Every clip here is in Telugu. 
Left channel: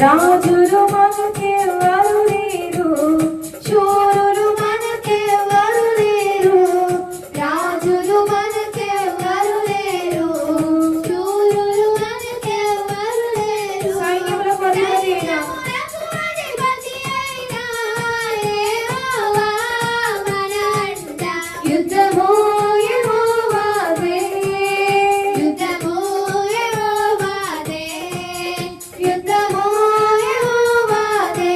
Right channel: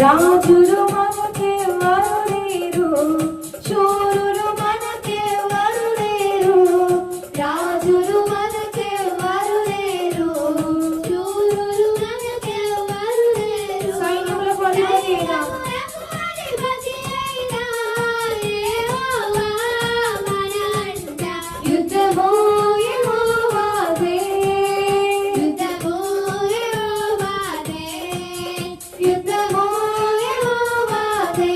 రాజులు మనకెవ్వరు లేరు, శూరులు మనకెవ్వరు లేరు. రాజులు మనకెవ్వరు లేరు, శూరులు మనకెవ్వరు లేరు. సైన్యములకు అధిపతి అయిన యెహోవా మన అండ. యుద్ధము యెహోవాదే, యుద్ధము యెహోవాదే, యుద్ధము యెహోవాదే.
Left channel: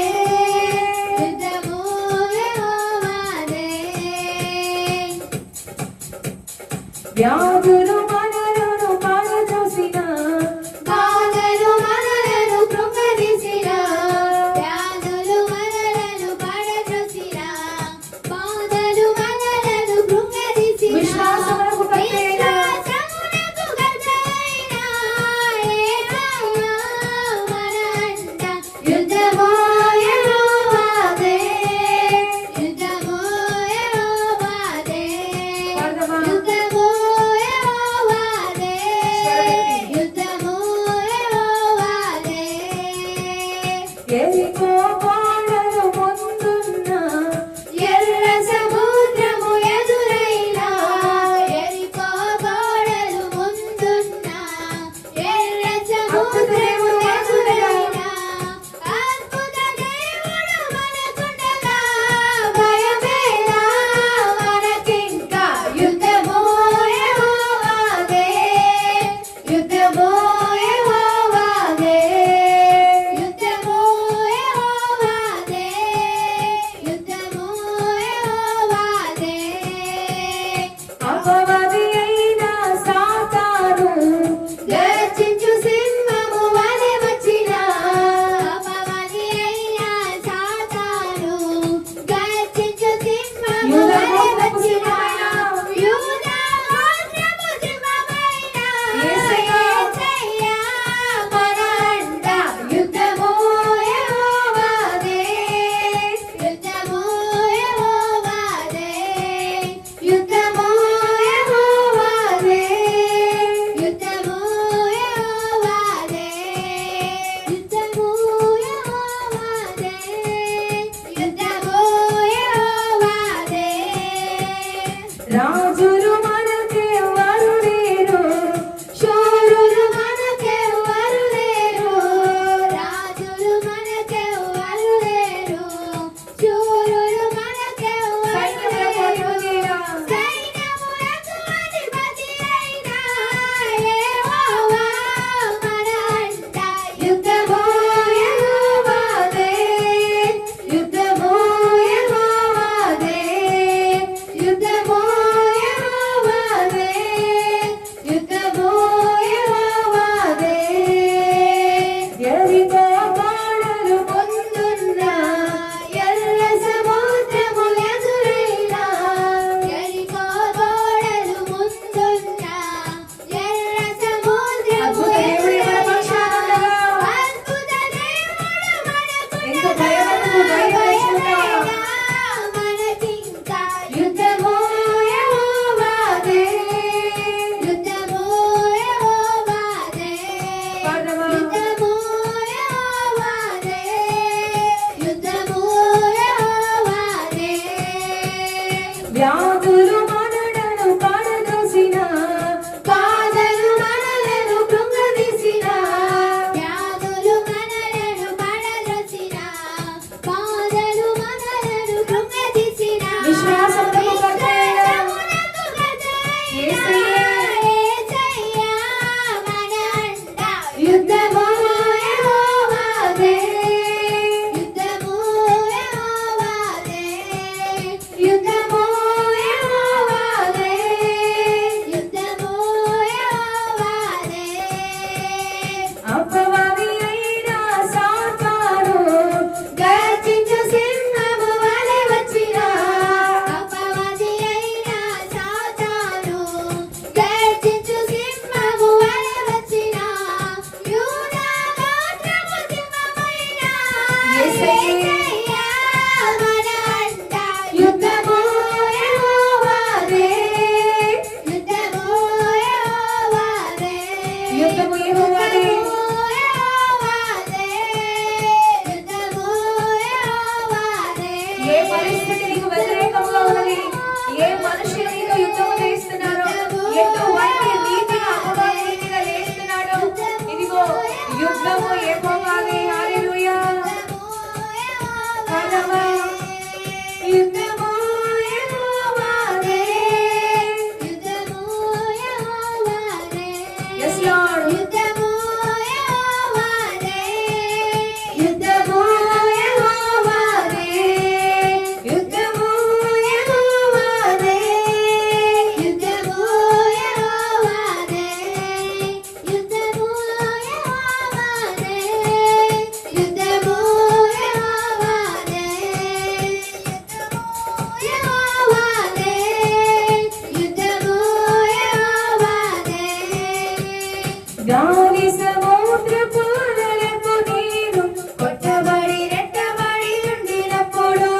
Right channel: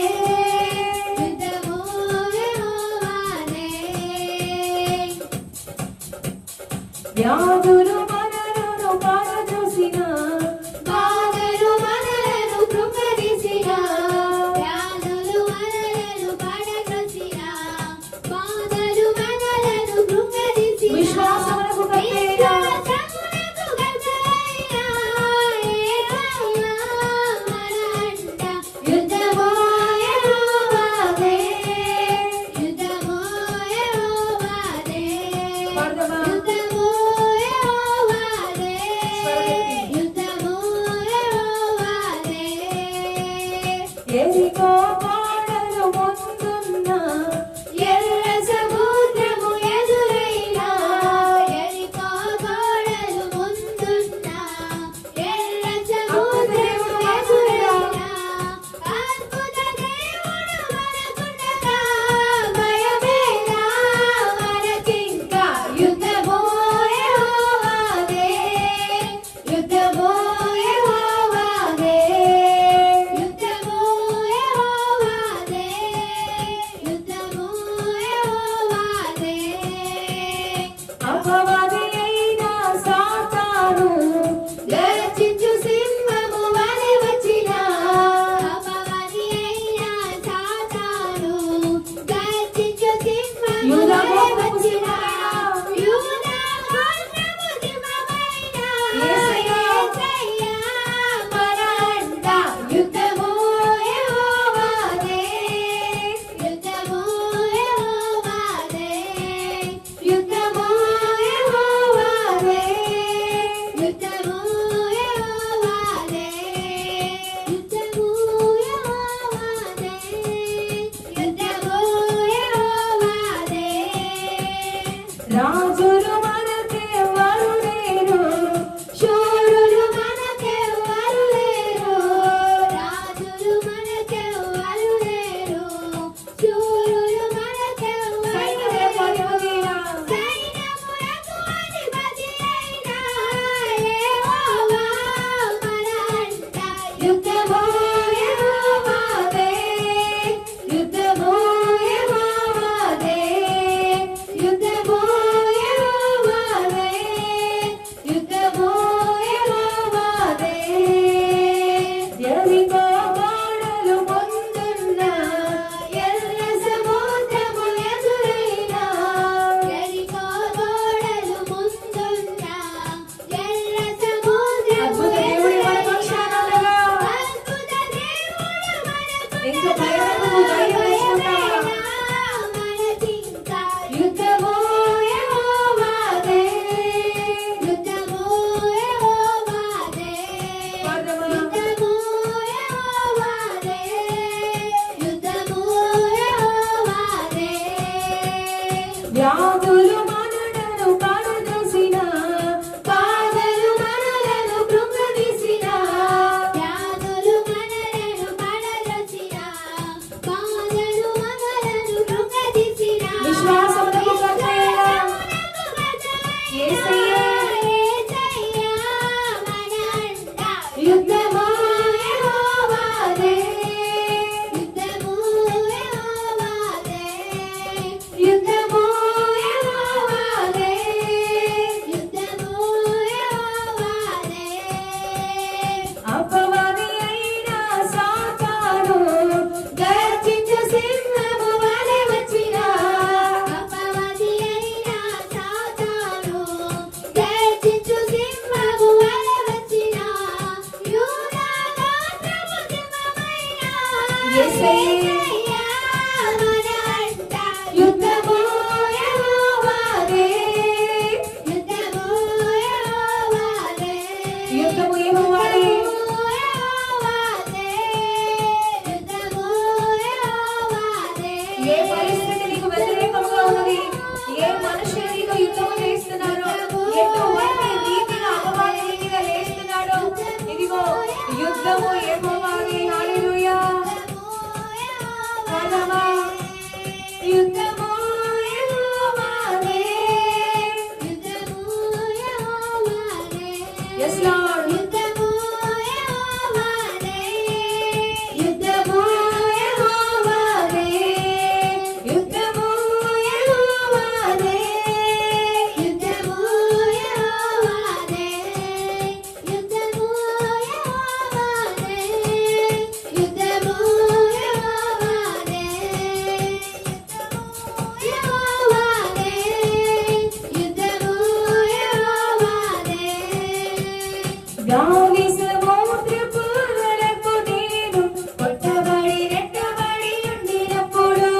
యుద్ధము యెహోవాదే. ఏ పరిస్థితి నీకు వ్యతిరేకంగా ఉన్నది, ఏ మనుషులు నీతో యుద్ధము చేస్తున్నారు, ఎటువంటి రీతిగా అపవాది రీతిగా లేస్తున్నాడు, ఇదిగో యుద్ధము యెహోవాదే. హల్లెలూయా. పరమా యుద్ధము యెహోవాదే. Yes Lord. యుద్ధము యెహోవాదే. యుద్ధము యెహోవాదే. యుద్ధము యెహోవాదే. యుద్ధము యెహోవాదే. యుద్ధము యెహోవాదే. యుద్ధము యెహోవాదే. యెహోవాదే. యుద్ధము యెహోవాదే. గాలి సముద్రపు అలలకు నేను కొట్టబడి రెట్టబడి ఉండినప్పుడు,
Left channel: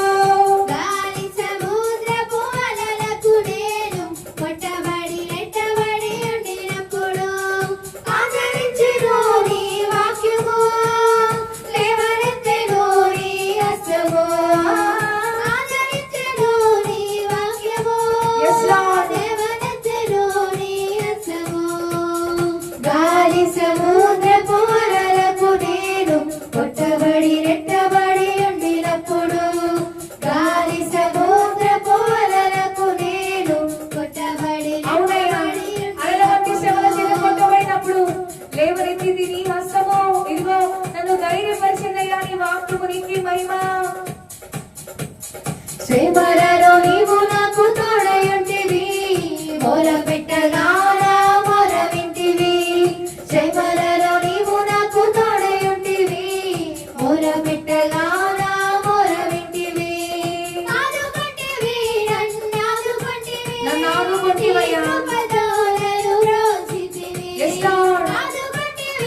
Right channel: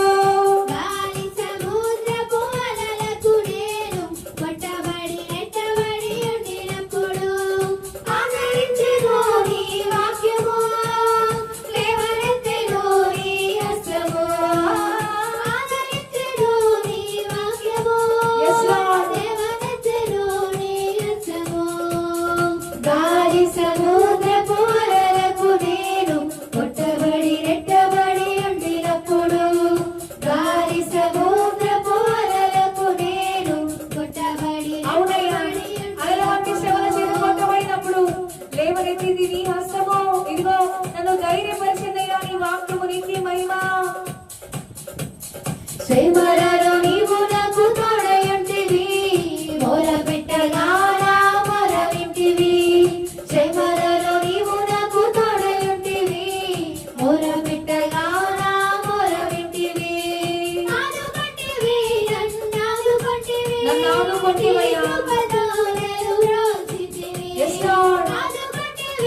గాలి సముద్రపు అలలకు నేను కొట్టబడి రెట్టబడి ఉండినప్పుడు, ఆదరించెను నీ వాక్యము, లేవనెత్తెను నీ హస్తము. ఆదరించెను నీ వాక్యము, లేవనెత్తెను నీ హస్తము. గాలి సముద్రపు అలలకు నేను కొట్టబడి రెట్టబడి ఉండినప్పుడు, గాలి సముద్రపు అలలకు నేను కొట్టబడి రెట్టబడి అలల వంటి శ్రమల చేత కొట్టబడినప్పుడు లేవనెత్తింది నీ హస్తము. ఇదిగో నన్ను ధైర్యపరిచిందయ్యా నీ వాక్యము. నీకు మహిమ. శ్రమలలో నీవు నాకు తోడై ఉంటివి, మొరపెట్టగా నా మొర వింటివి. శ్రమలలో నీవు నాకు తోడై ఉంటివి, మొరపెట్టగా నా మొర వింటివి. ఆదుకొంటివి, నన్ను ఆదుకొంటివి, నన్ను ఆదుకొంటివయ్యా. Yes Lord. ఆదుకొంటివి,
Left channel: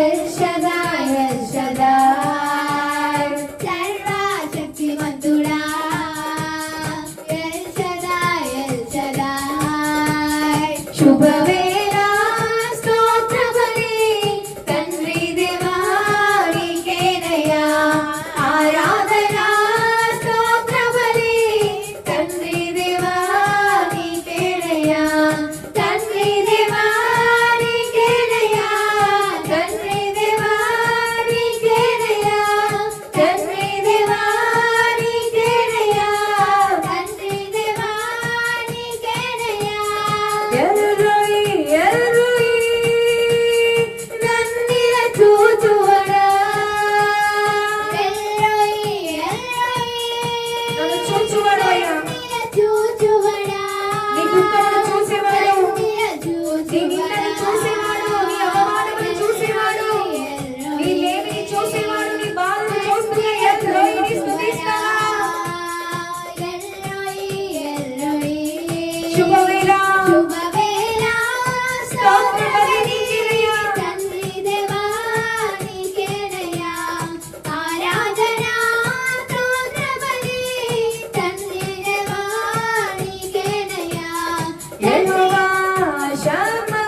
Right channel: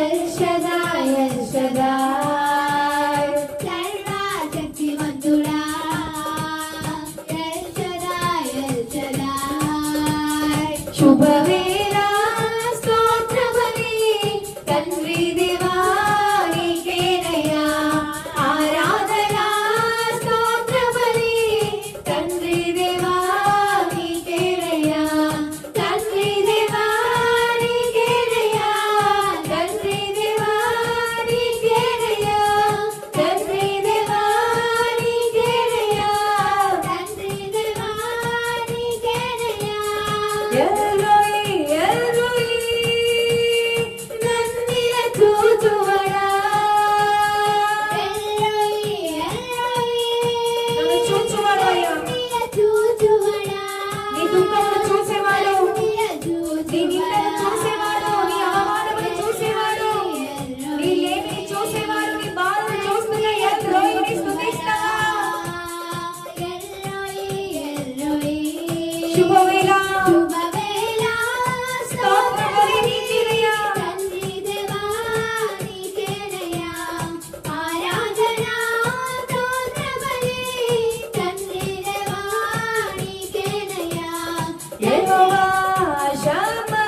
ఎల్ షదాయ్ ఎల్ షదాయ్ సర్వశక్తిమంతుడా ఎల్ షదాయ్ ఎల్ షదాయ్ శుభవేళ స్తోత్రబలి తండ్రి దేవా నీకేనయ్యా ఆరాధన స్తోత్రబలి తండ్రి దేవా నీకేనయ్యా తండ్రి దేవా నీకేనయ్యా తండ్రి దేవా నీకేనయ్యా తండ్రి దేవా నీకేనయ్యా తండ్రి దేవా నీకేనయ్యా ఎల్రోయి ఎల్రోయి నన్నిల చూచువడా ఎల్రోయి ఎల్రోయి నన్ను చూచువడాయా చూచువడా నీ దుఃఖమును చూసేవాడు నీ నిందను చూసేవాడు నీ అవమానమును చూసేవాడు నీ లేమిని చూసేవాడు నీ బాధను చూస్తున్న ఎల్రోయిని స్తుతిస్తావా శుభవేళ స్తోత్రబలి నీకేనయ్యా తండ్రి దేవా నీకేనయ్యా ఆరాధన స్తోత్రబలి తండ్రి దేవా నీకేనయ్యా యెహోవా షమ్మా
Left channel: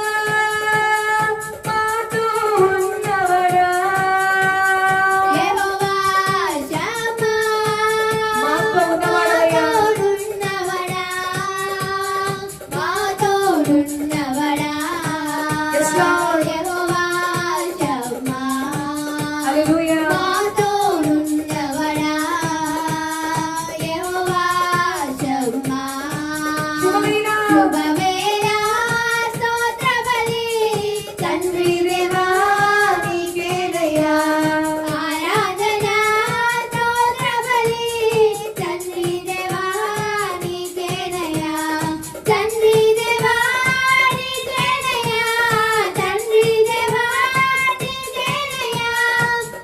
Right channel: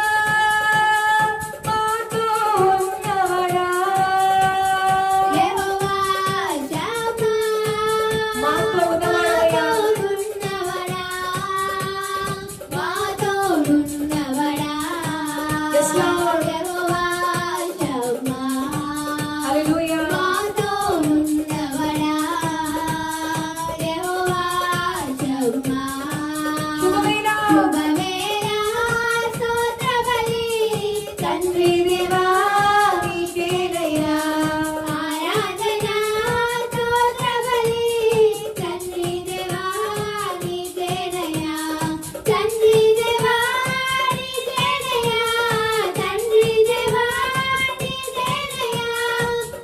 మాతో ఉన్నవాడా యెహోవా షమ్మా మాతో ఉన్నవాడయ్యా Yes, Lord. Hallelujah. శుభవేళ తండ్రి దేవా నీకేనయ్యా ఆరాధన స్తోత్రబలి తండ్రి దేవా నీకేనయ్యా తండ్రి దేవా నీకేనయ్యా తండ్రి దేవా నీకేనయ్యా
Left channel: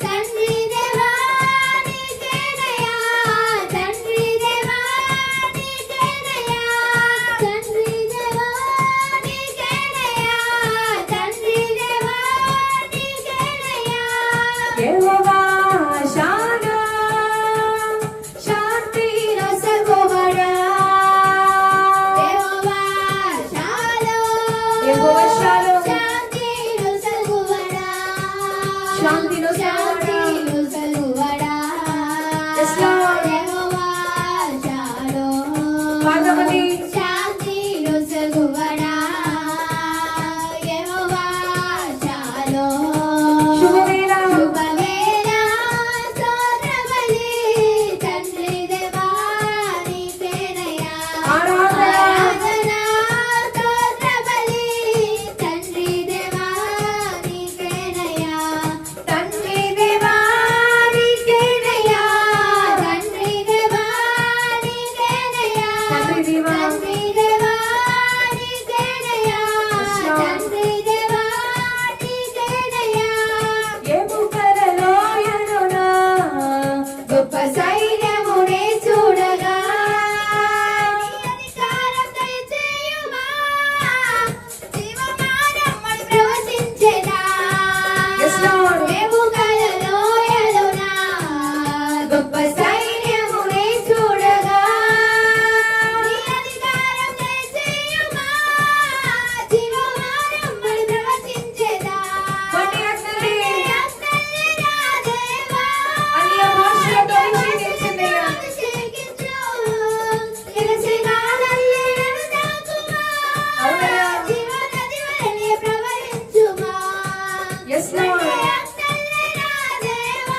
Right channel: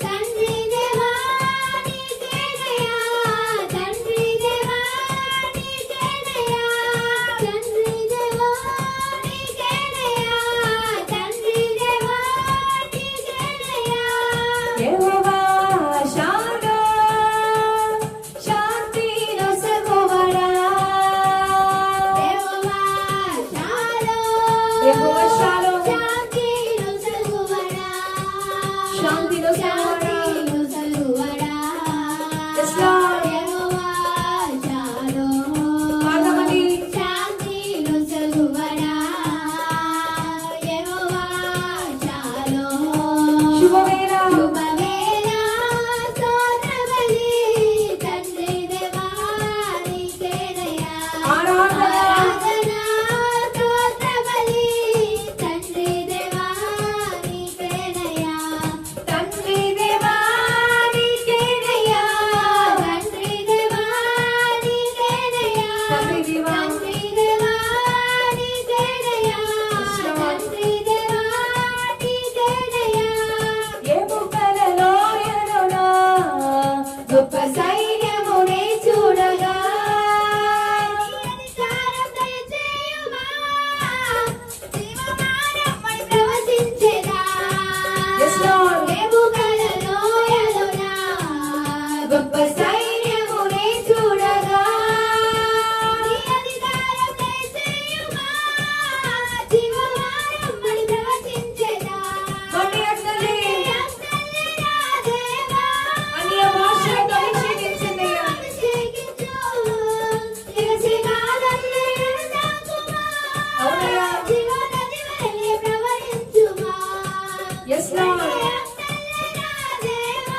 తండ్రి దేవా నీకేనయ్యా తండ్రి దేవా నీకేనయ్యా తండ్రి దేవా నీకేనయ్యా తండ్రి దేవా నీకేనయ్యా యెహోవా షాలోమ్ శాంతి నొసగువడా యెహోవా షాలోమ్ యెహోవా షాలోమ్ శాంతి నొసగువడా శాంతి నొసగువడా yes lord యెహోవా షాలోమ్ పాదమని శాంతి నొసగువడా యెహోవా షాలోమ్ శుభవేళ స్తోత్రబలి తండ్రి దేవా నీకేనయ్యా ఆరాధన స్తోత్రబలి తండ్రి దేవా నీకేనయ్యా తండ్రి దేవా నీకేనయ్యా తండ్రి దేవా నీకేనయ్యా తండ్రి దేవా నీకేనయ్యా తండ్రి దేవా నీకేనయ్యా ఎముకలలో ఎరునా గొప్ప సైన్యమునే చూడగా నీ అధికారం దయచేయుమా జీవమానమ్మని ప్రవచించెదా yes lord ఎముకలలో ఎరునా గొప్ప సైన్యమునే చూడగా నీ అధికారం దయచేయుమా జీవమానమ్మని ప్రవచించెదా కొన్ని అర్థలే నా దేవా అన్య భాషలతో అభిషేకించిందయ్యా నిలసిగాలల్లే నన్ను తాకుమా అవునయ్యా జీవనది వలె ప్రవహించుమా yes lord నా దేవా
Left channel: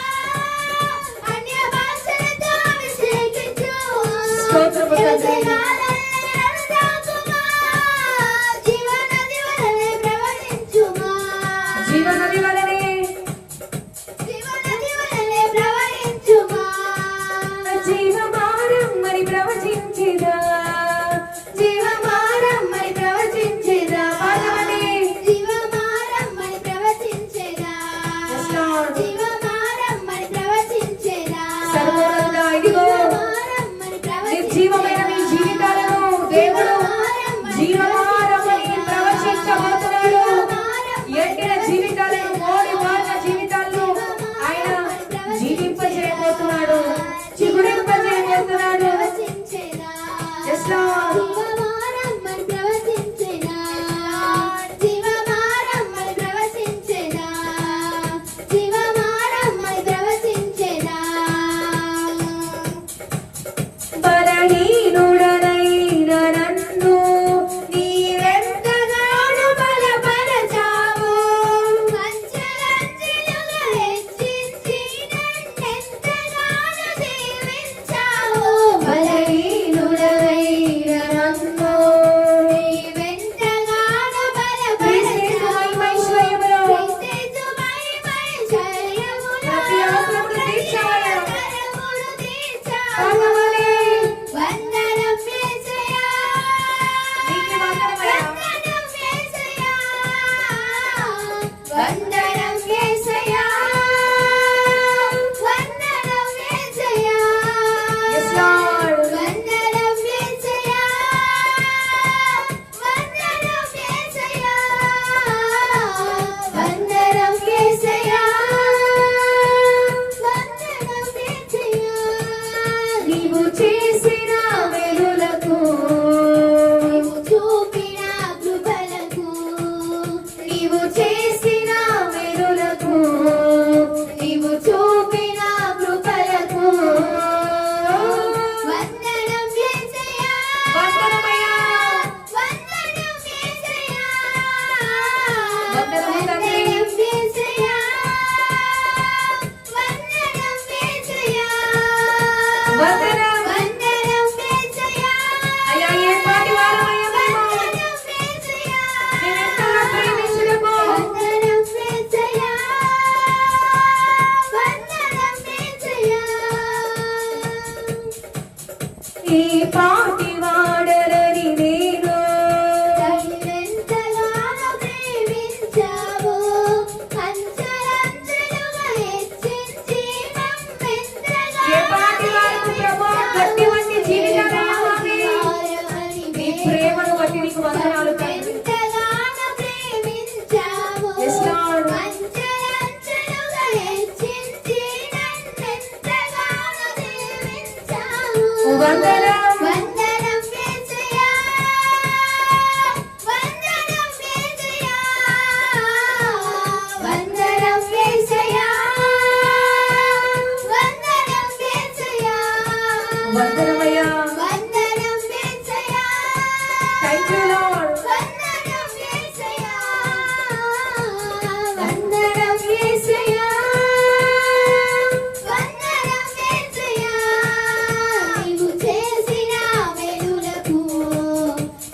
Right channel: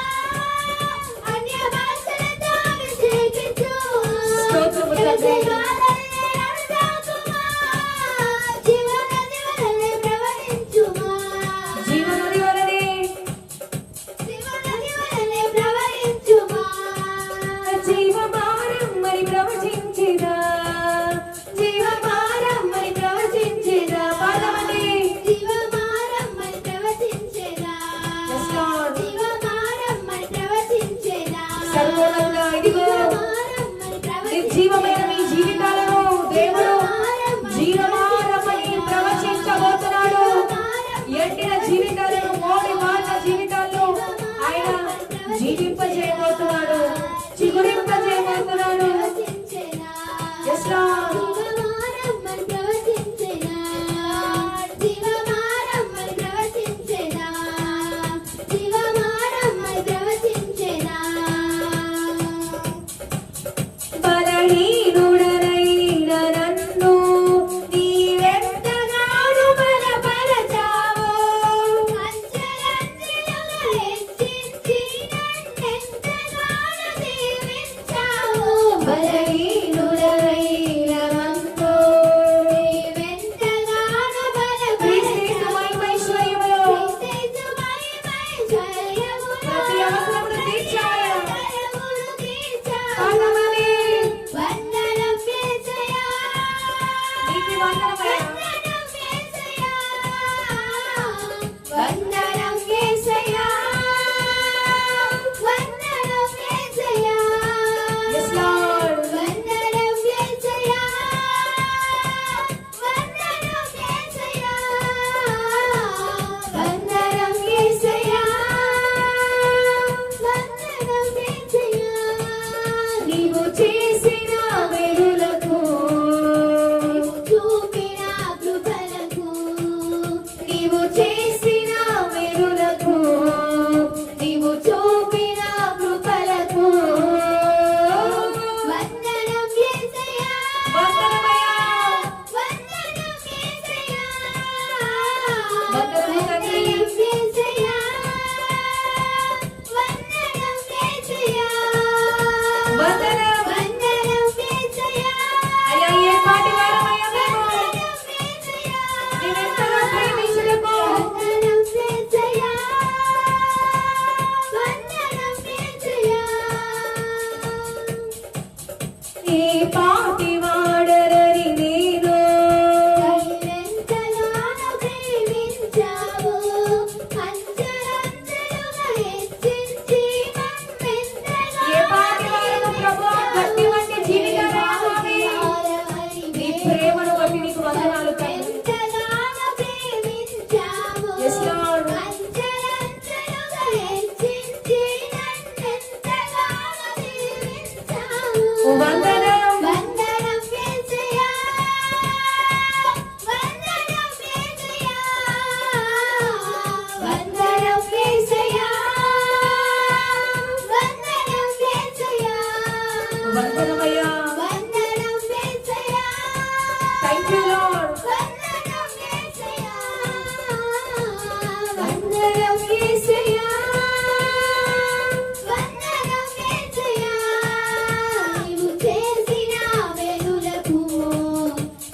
అన్య భాషలతో అభిషేకించు స్తోత్రము తండ్రి నిలసిగాలల్లే నన్ను తాకుమా జీవనది వలె ప్రవహించుమా జీవనది వలె ప్రవహించుమా జీవమారమ్మని ప్రవచించిదా జీవమారమ్మని ప్రవచించిదా పాదమని జీవమారమ్మని ప్రవచించిదా జీవమారమ్మని ప్రవచించిదా సర్వోన్నతుడా ఇదిగో నిర్జీవమైన మీ జీవితాలను దేవుడు జీవమారమ్మని ప్రవచించబోతున్నాడు ఎండిన జీవితాలను మోడి చేసిన మేలులకు నీవు చూపిన కృపలకు వందనం యేసయ్యా వందనమయ్యా వందనం యేసయ్యా వందనం తండ్రి యేసయ్యా వందనం యేసయ్యా వందనం వందనం యేసయ్యా అయ్యా ఏ పాటి వారమయ్యా మేము నిన్నెంతగా ప్రేమించినము వందనం యేసయ్యా వందనం యేసయ్యా ఈ పాటి వాడరని నేను నిన్నెంతగానో ప్రేమించావు అంచలంచెలుగా హెచ్చించి నన్నెంతగా ఏ పాటి వారము ప్రభువా గట్టి వంటి జీవితాలయ్యా మావి నీ ప్రేమను బట్టి నీకు వందనాలు తండ్రి ఎంతగానో ప్రేమించావు yes lord అంచలంచెలుగా హెచ్చించి నన్నెంతగానో ప్రేమించావు వందనం వందనం యేసయ్యా వందనం యేసయ్యా వందనం యేసయ్యా వందనం యేసయ్యా వందనమయ్యా వందనం యేసయ్యా థాంక్ యూ లార్డ్ వందనం యేసయ్యా వందనం యేసయ్యా వందనం యేసయ్యా నీవు చేసిన మేలులకు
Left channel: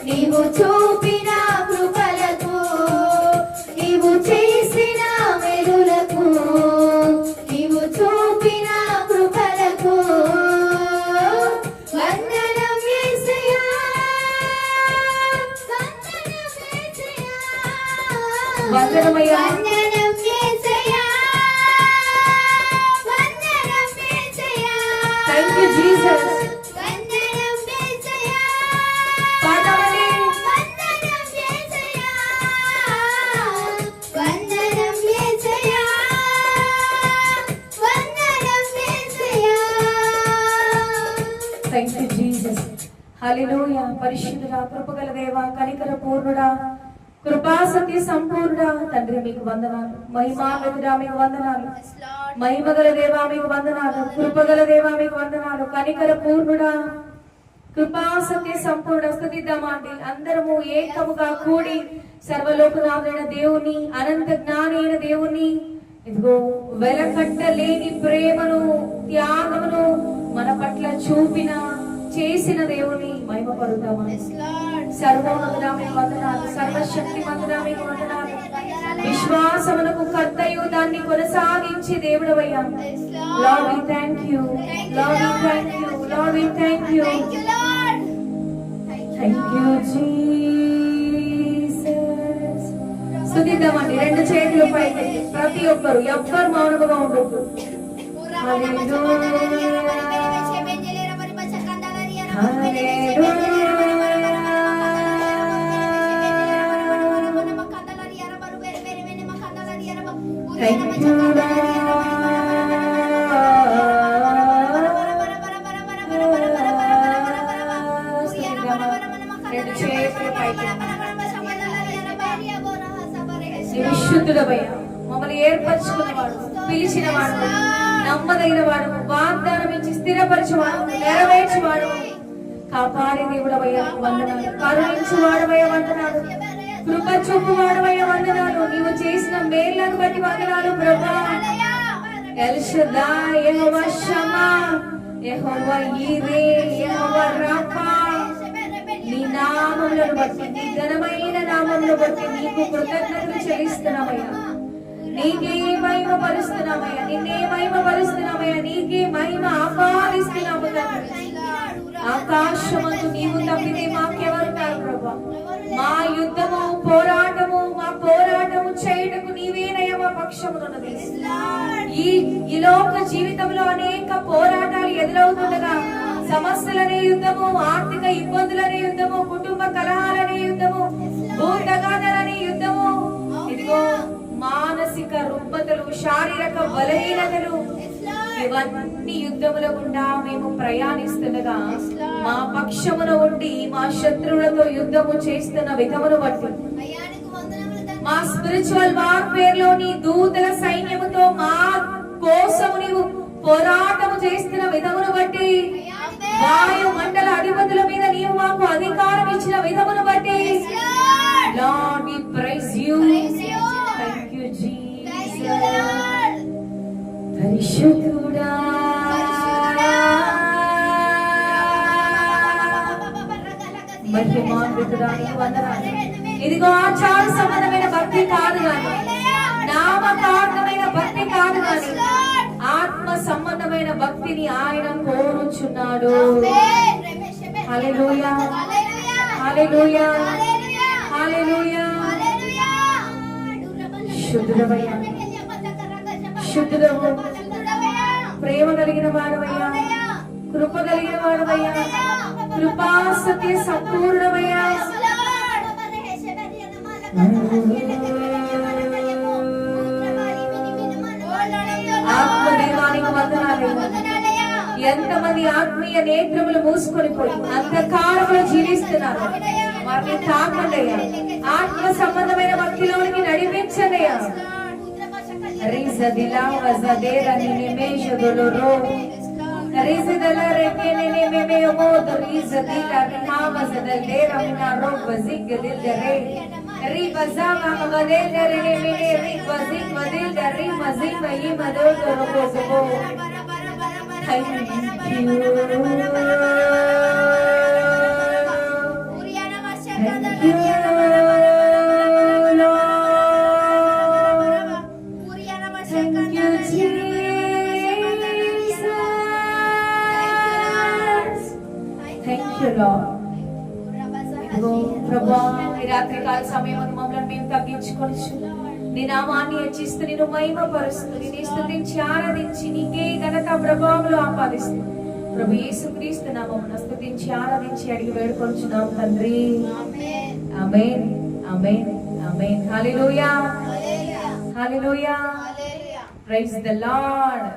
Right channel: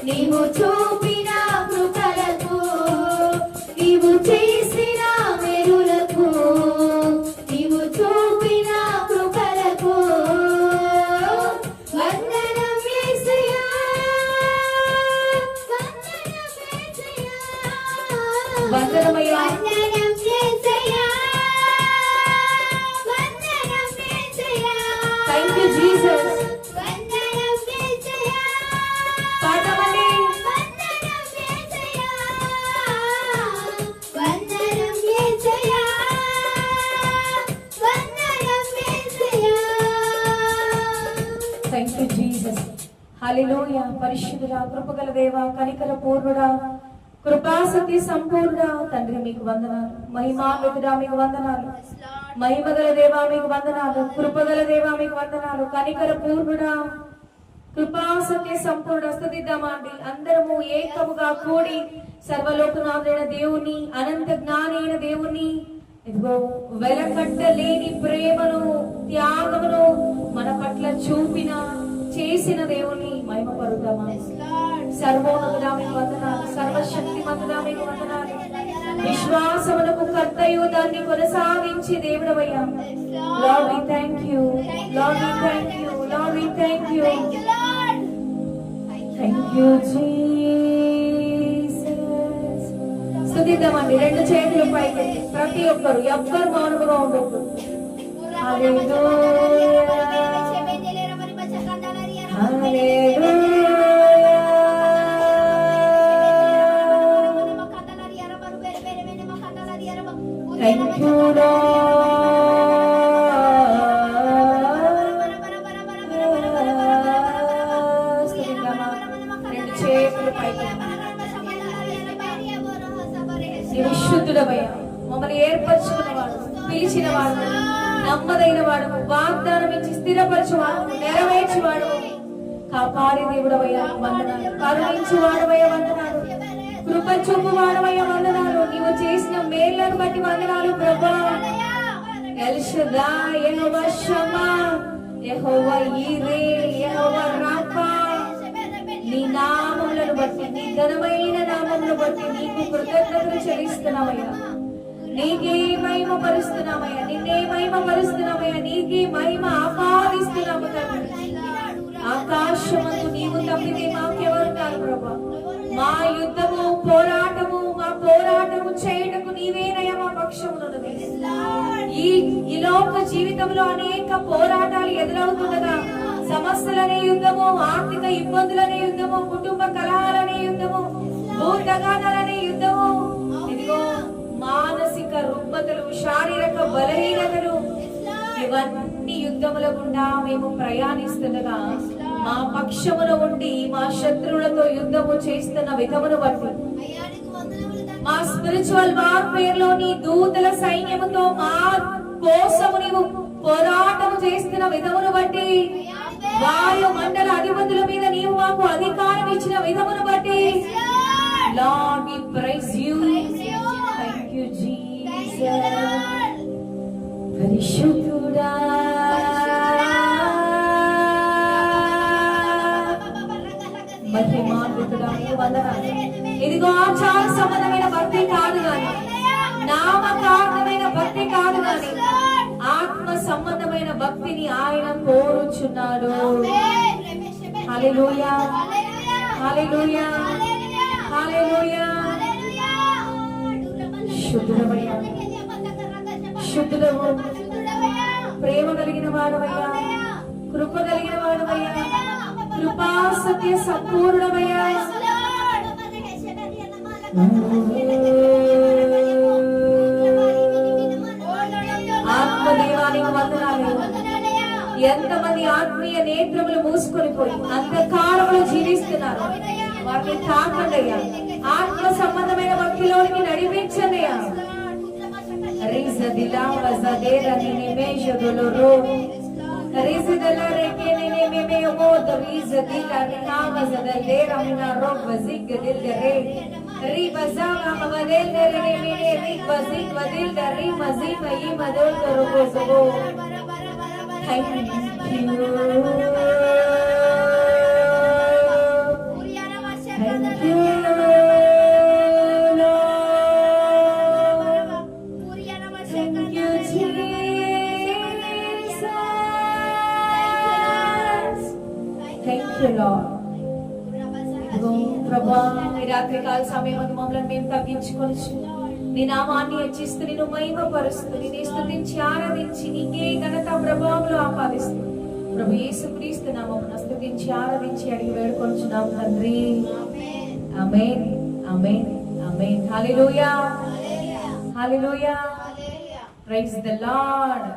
నీవు చూపిన కృపలకు నీవు చేసిన మేలులకు నీవు చూపిన కృపలకు వందనం యేసయ్యా వందనం యేసయ్యా వందనమయ్యా వందనం యేసయ్యా వందనం యేసయ్యా థాంక్ యూ జీసస్ వందనం యేసయ్యా పాడమండి వందనం యేసయ్యా వందనం యేసయ్యా వందనం యేసయ్యా థాంక్ యూ జీసస్ హల్లెలూయా పరిశుద్ధుడా కృపగల దేవా కనికర పూర్ణుడా కృపా సత్య సంపూర్ణుడా తండ్రి మీకు వందనాలు మహిమాన్వితుడా మీకు వందనాలు మహిమగల దేవా మీకు వందనాలు కృపగల దేవా మీకు వందనాలు కనికర పూర్ణుడా కృపా సత్య సంపూర్ణ స్తుతిద్దామా అండి అందరము ఏకముగా కూడి సర్వలోకనాథుడైన దేవుని అనంత జ్ఞాని అయిన దేవుని ఇదిగో వెలకట్టలేని ప్రేమను త్యాగమును మన పట్ల చూపిన చేసిన దేవుని మహిమపరుద్దామా సర్వోన్నతుడా మీకు వందనాలు సర్వశక్తిమంతుడా మీకు వందనాలు విశ్వాసమునకు కర్తయు దాన్ని కొనసాగించి దేవుడవయ్యా Lord we thank you Lord we thank you Lord we thank you thank you Jesus స్తుతిద్దామండి రెండు చేతులు పైకి ప్రతి ఒక్కరు ఎవ్వరు మౌనముగా ఉండొద్దు హల్లెలూయా Thank you, విశుద్ధుడవయ్యా మమ్మల్ని ఏర్పరచుకున్నవాడు పిలిచినవాడు నమ్మదైన వాడు వాగ్దానం ఇచ్చి స్థిరపరచువాడు నెరవేర్చువాడు కాపాడే దేవుడవయ్యా వందనాలు కరుణించువాడవయ్యా వందనాలు కృప చూపువాడవయ్యా వందనాలు నీవు చేసిన మేళ్లను బట్టి వందనాలు ప్రభా ఎల్ షదాయ్ యెహోవా షమా యెహోవా ఈరే యెహోవా రాఫా నీ నామములను బట్టి నీ ఘనమైన నామములను బట్టి నీకు కృతజ్ఞతలు చెల్లిస్తున్నామయ్యా నీకే మహిమ పరుస్తున్నామయ్యా నిన్నే మహిమ పరుస్తున్నామయ్యా నీకే మహిమ ఆపాదిస్తున్నాము తండ్రి ఆకాశమందు నీవు తప్పితే మాకెవరున్నారు ప్రభా మా యుద్ధము పోరాటము మా పోరాటము చేయటకు నీవేనయ్యా మా పక్షమునున్నది ఈ లోక జీవితంలో అనేక పోరాటాలు ఎదురవుతుండగా సమస్యలనే యుద్ధము ఆర్థిక ఇబ్బందులనే యుద్ధము కుటుంబ కలహాలనే యుద్ధము భూతగానాలనే యుద్ధము ఇదిగో మానసిక రుగ్మతలు శారీరక బలహీనతలు ఇవన్నీ యుద్ధముల గుండా మేము ప్రయాణిస్తుండగా మా పక్షమున ఉండి మా శత్రువులతో యుద్ధము చేస్తున్న విధమును బట్టి మా స్పిరిచువల్ వార్ఫేర్ లో నీ దూతల సైన్యముతో మా కోసము నీవు పోరాటము చేస్తున్న విధమును బట్టి, వాయు మండల అధిపతుల మీద నీవు మాకు అధికారం ఇచ్చిన విధమును బట్టి, Lord, we praise you. Thank you, Jesus. పరిశుద్ధుడా, మహిమాన్వితుడా, నీకు వందనాలు. ఇదిగో ఆచార సంబంధమైన భక్తి కాదు గాని, నామకార్థమైన భక్తి కాదు గాని, ఆత్మ సంబంధమైన భక్తిని ఆయన కోరుచున్నాడు. హల్లెలూయా, హల్లెలూయా, హల్లెలూయా. శుద్ధుడవయ్యా, శుద్ధుడవు, ప్రేమ కలిగిన వాడవయ్యా, కృప కలిగిన వాడవయ్యా, కృపా సత్య సంపూర్ణమయ్యా. ఆత్మదేవానికి వందనాలు. ఎంతమంది ఆత్మీయ నేత్రములు మూసుకొని పోయి అంధకారంలో జీవిస్తున్నారు, వారిని తాకండయ్యా. ఆత్మ సంబంధమైన భక్తిలోనికి నడిపించండియా. ప్రభా, ఈ రాత్రి కాల సమయం మమ్మల్ని మేము తగ్గించుకొని నీ నామాన్ని హెచ్చిస్తూ నిన్ను మహిమపరుస్తూ నిన్ను స్తుతించి ఆరాధించి నీకే ఘనత ప్రభావములు ఆపాదిస్తూ ప్రభు యేసుక్రీస్తు నామమున స్తుతించి ఆరాధించి అడిగి వేడుకొంచున్నాం తండ్రి. Amen, amen, amen. Hallelujah, hallelujah. Praise the lord.